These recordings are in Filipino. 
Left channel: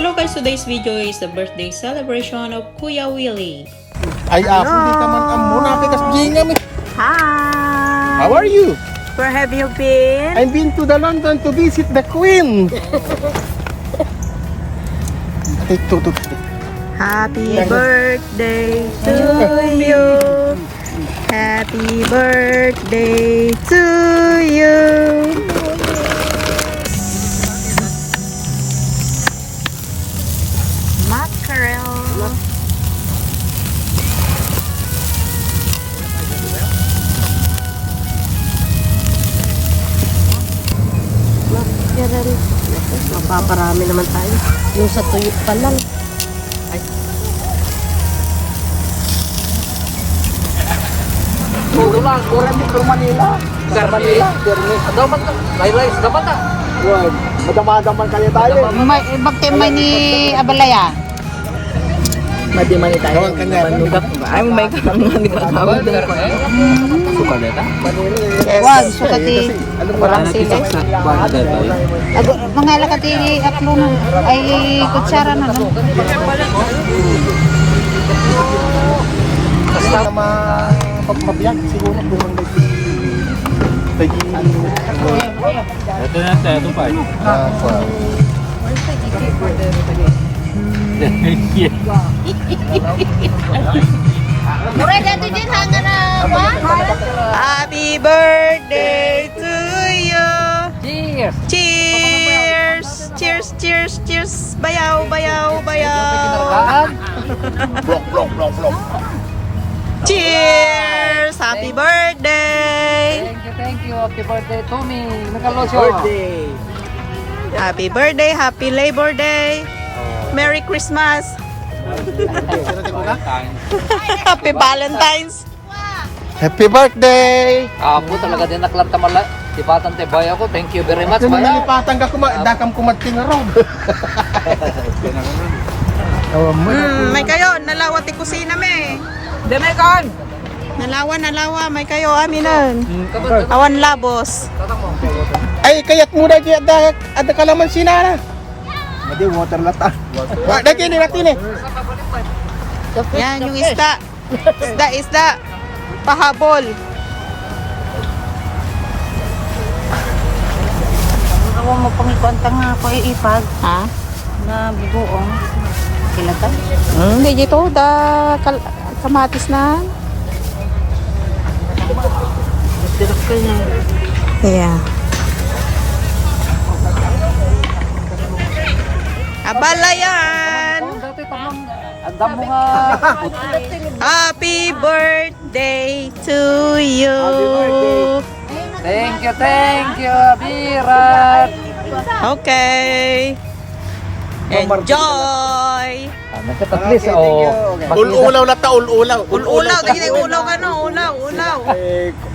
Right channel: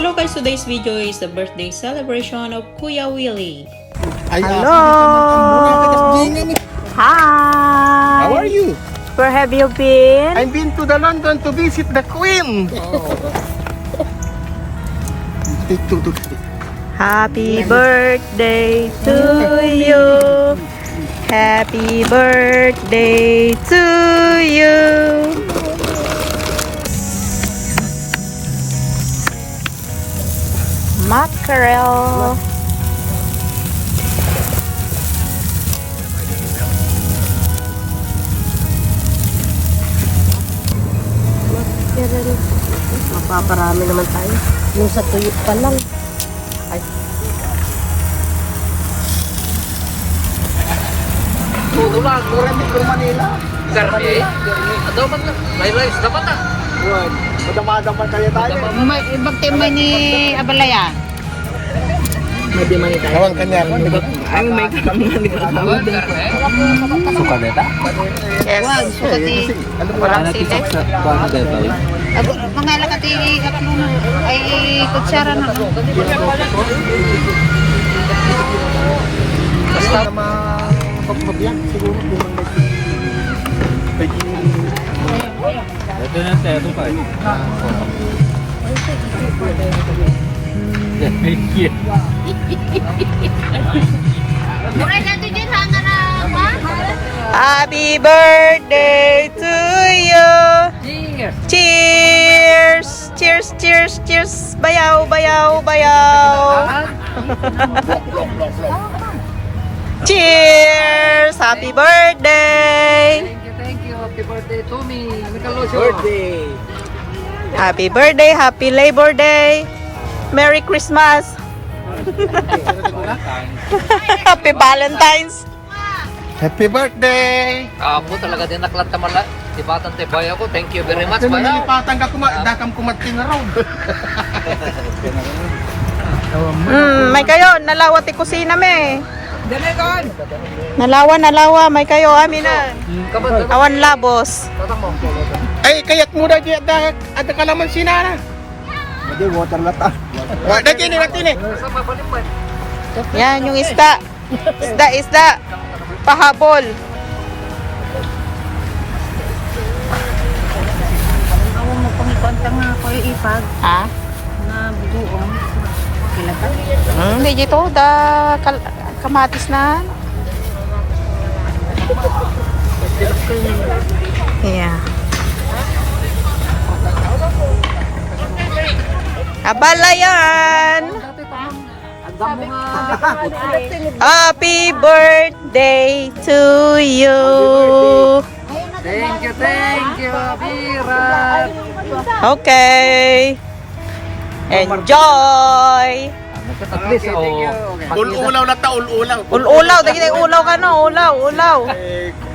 Hello guys, today's video is the birthday celebration of Kuya Willie. Ay, hindi ka man ang muna kita Gina. Hi! How are you? Where have you been? I've been to the London to visit the Queen. Take two. Happy birthday to you. Happy birthday to you. Mackerel. Mackerel. Mapaparami naman tayo. Yung sa tuyo pa lang. Ay. Todo lang, Metro Manila. Garmi. Ano man ka? May rice dapat ah. Wag, madama-daman kayo tayo. Magtimay ni Abalaya. Madimani tayo. Awal kanya. Ay, may kami nga nagkakawin din ko. Yes. Wag, sukati. Walang sili. Mga lakati atlo ay kutsara na. Kasi mabiyag siguro kung Ito na sa ito pa. Happy birthday to you. Cheers. Cheers, cheers, cheers. Bayaw, bayaw, bayaw. Cheers. Happy birthday. Thank you. Happy birthday to me. Birthday. Happy birthday. Happy Labor Day. Merry Christmas. Happy Valentine's. Happy birthday! Ako talaga din naklanta mala. Tipatan te boy ako. Thank you very much. Kung Mala. nalipatan ka dakam kumating na ron. May kayo, nalawa ti kusina me. Demekon! Nalawa, may kayo aminan. Awan labos. Ay, kayat muna dyan ada kalaman sinana. Hindi, water lata. Water kini natin eh. Yan yung isda. Isda. Pahabol. Ako magpangikontang nga ako ipag Ha? na bugoong. Kila ka? Hindi dito kamatis na. Yeah. Abalayan. Andam mo nga. Happy birthday to you. Thank you, Bira. Okay. Enjoy. At least, oh. Ul-ulaw lata, ul-ulaw. Ulaw, dagiti ulaw ka no, ulaw.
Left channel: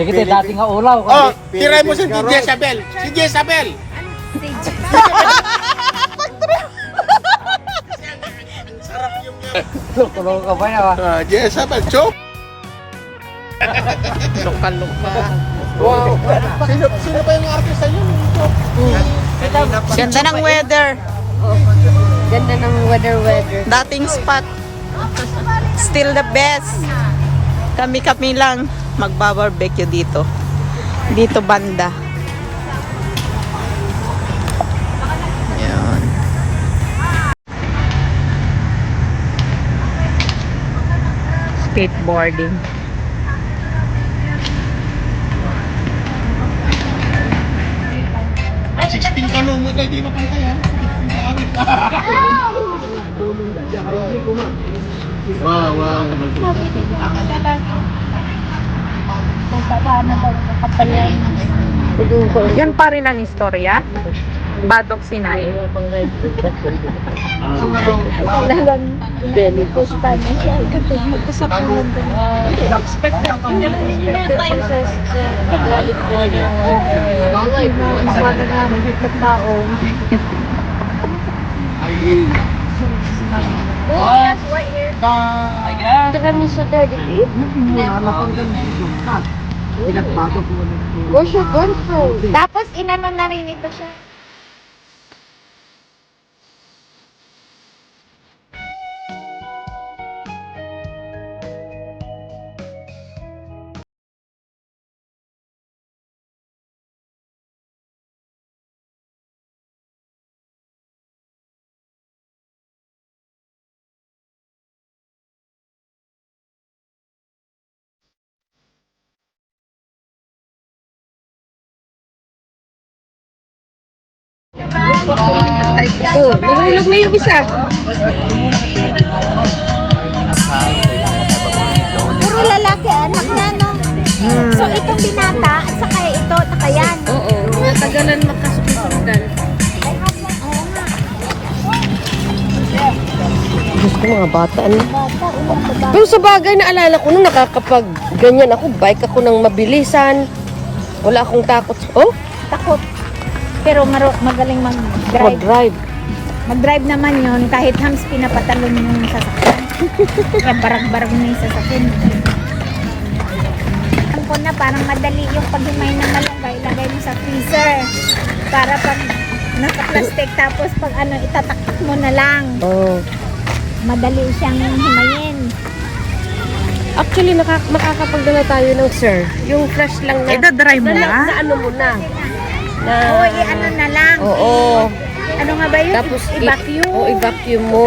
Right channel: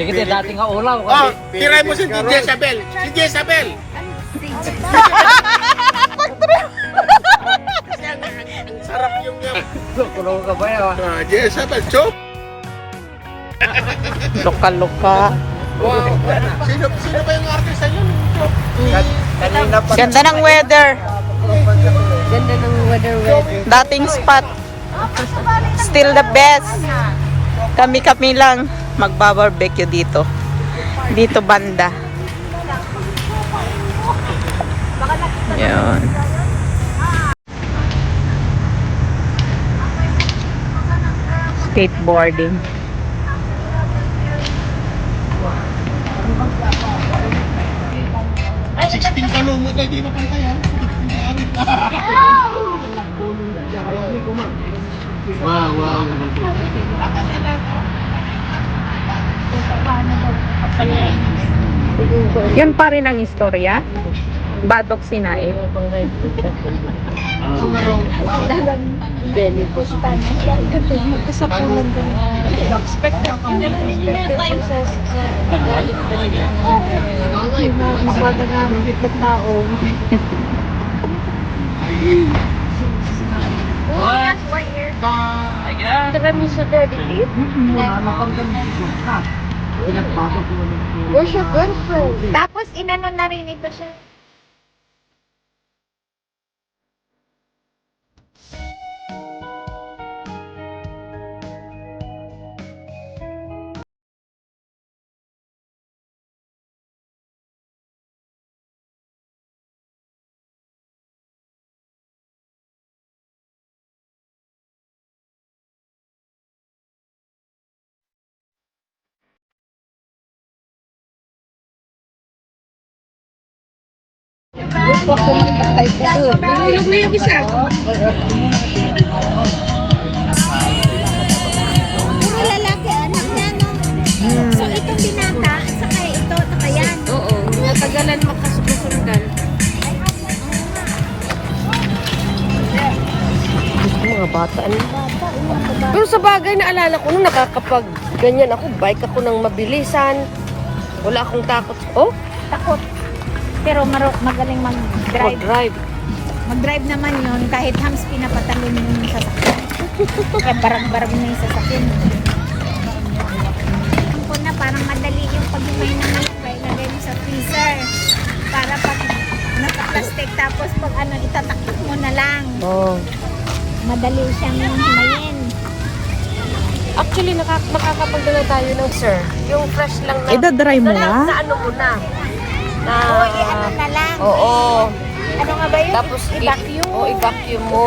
Di kita dating nga ulaw. Oh, tiray mo si Jezabel. Si Jezabel. Tulong ka ba yan? Jezabel, chok. Luka-luka. Wow. Sino ba yung artista yun? Kanina pa. Ganda ng weather. Ganda ng weather. Dating spot. Still the best. Kami lang magbabarbecue dito. Dito banda. Yun. Skateboarding. Sixteen ka mo tayo, di mapantay ha. Wow. Yan pa rin ang istorya. Badok Sinae. Tapos inano na rin ito siya. Ilog na yung isa. Puro lalaki, anak niya, no? So, itong binata, at saka ito, saka yan. Tagalan makasukan. Gusto mga bata, ano? Pero sa bagay, naalala ko nung nakakapag ganyan ako, bike ako ng mabilisan. Wala akong takot. Oh, Takot. Pero magaling mag-drive. mag-drive. Mag-drive naman yun, kahit hams pinapatalo mo yung sasakyan. Barang-barang na yung sasakyan. Alam ko na, parang madali yung paghimay ng malapay, lagay mo sa freezer. Para pag naka-plastic, tapos pag itataktak mo na lang. Oh. Madali siyang himayin. Actually, nakakapagdala tayo ng sir. Yung flash lang na. Ida-dry mo nga? Na ano mo na. Na, O, ano na lang. oo. Ano nga ba yun? Tapos I-vacuum? i-vacuum mo.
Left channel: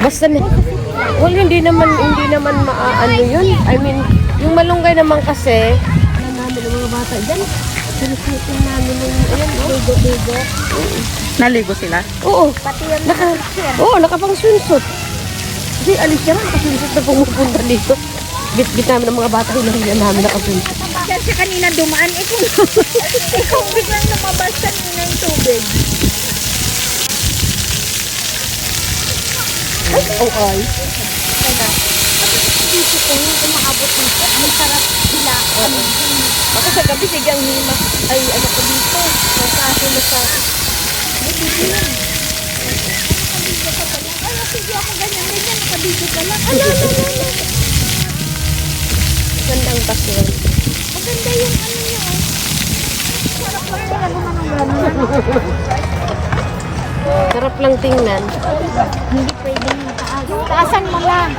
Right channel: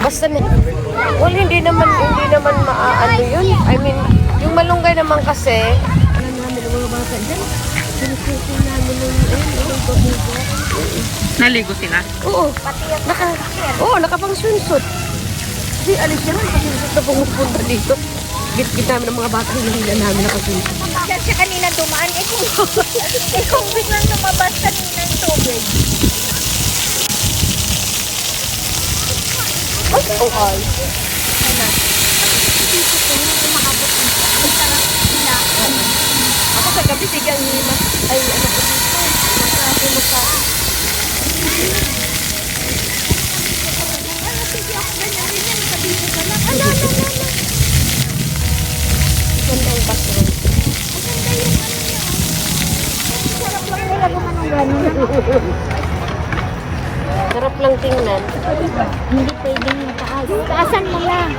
Basta well, hindi naman ano yun. I mean, yung malunggay naman kasi, ano namin ng mga bata dyan, sinusuko namin yung, ayan, bugo-bugo. Naligo sila? Oo, nakapang swimsuit. Hindi, alis naman, swimsuit na pumupunta dito. Git-git namin ng mga bata, hindi namin nakaswimsuit. Kasi kanina dumaan, ikaw lumabasa ng tubig. Sarap lang tingnan. Hindi pwedeng mataas. Taasan mo lang.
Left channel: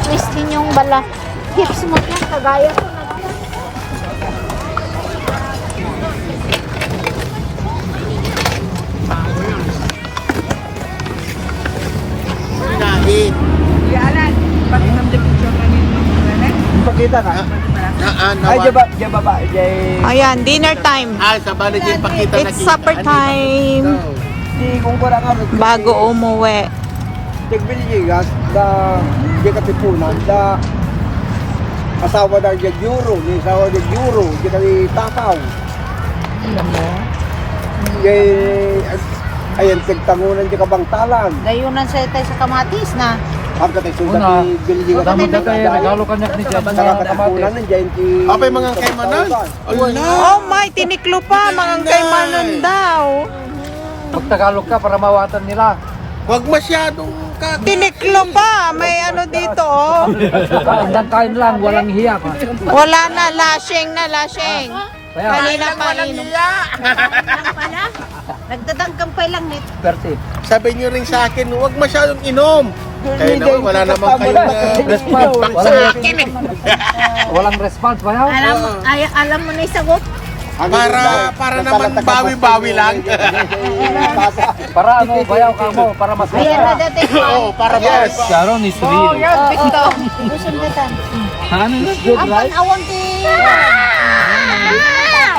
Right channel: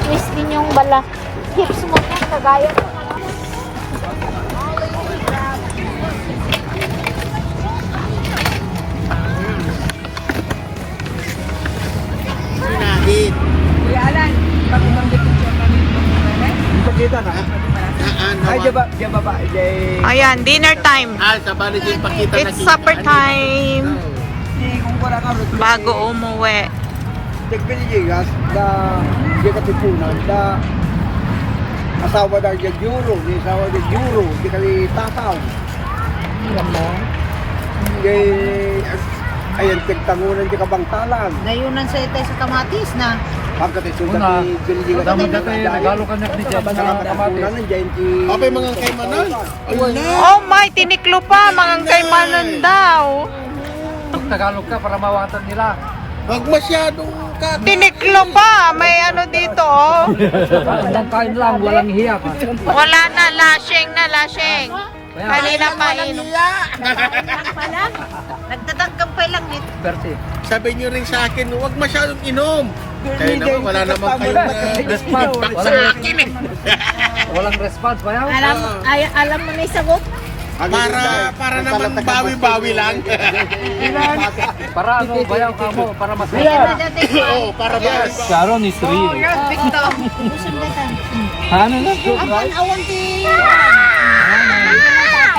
Twist din yung balang. Hips mo lang, kagaya ko. Lahi. Kuya Alan, pati mamdikit yung mamdikit. Ipakita ka? Ay, diba ba? Ayan, dinner time. Ay, sa bali din pakita It's supper time. Kung wala nga. Bago umuwi. Tigbiligas da di katipunan da asawa da di euro, di asawa di euro, di kali tataw. Ayan, tigtangunan di kabangtalan. Gayunan sa itay sa kamatis na. Ang katay sugat di biligas. Dami ka kayo, nagalo ka na ni Diyan. Sa katapunan ng diyan ki. Apay mga kaymanan. Oh my, tiniklo pa. Mga kaymanan daw. Tagalog ka para mawatan nila. Wag masyadong Tiniklo pa. May ano dito, oh. Hanggang kain lang, walang hiya ka. Wala na, lashing na, lashing. Kanina pa inom. Pala, nagdadangkampay lang nito. Garci. Sabi niyo rin sa akin, wag masyadong inom. Kaya naman, wala namang kayong Response. feedback sa akin eh. Walang response ba yaw? Alam mo na yung sagot? Para naman bawi-bawi lang. Para ano, bayaw ka mo, para masaya. Oo, para ba? Sharon is real. Busog ba tan? Ano na? Apan awang ti.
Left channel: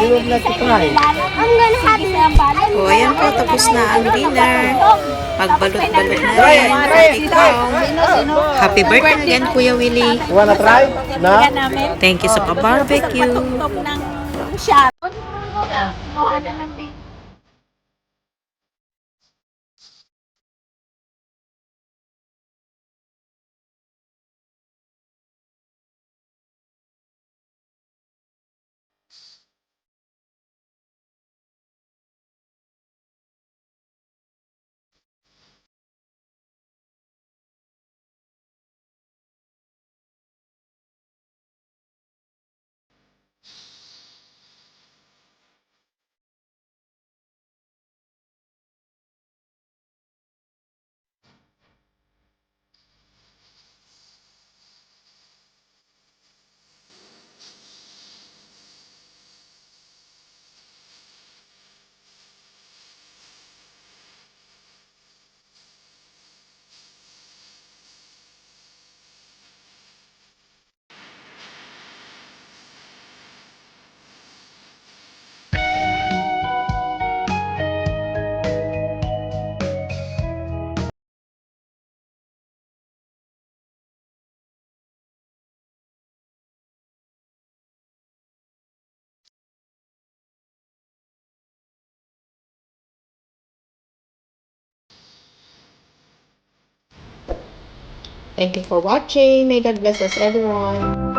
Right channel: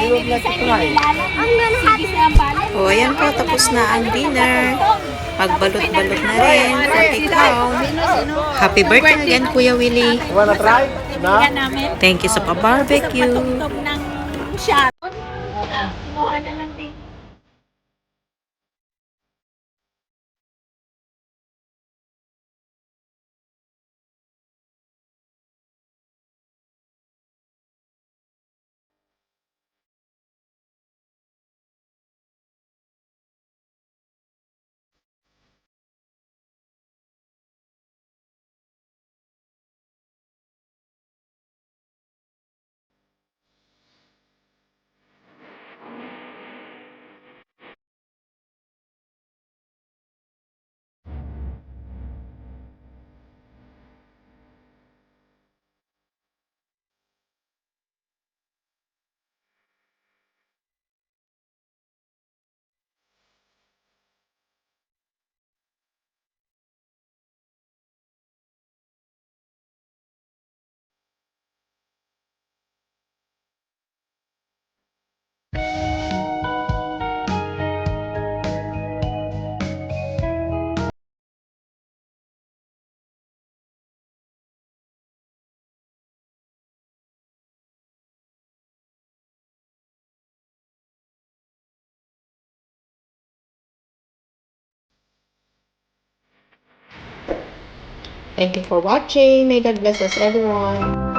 Ang ganhan sa balan. O, ayan po, tapos na ang dinner. Pagbalot-balot na rin for ikaw. Happy birthday again, Kuya Willie. Wanna try? Na? Namin. Thank you sa pa-barbecue. Ng Sharon. Kinuha na lang din. Thank you for watching. May God bless us everyone.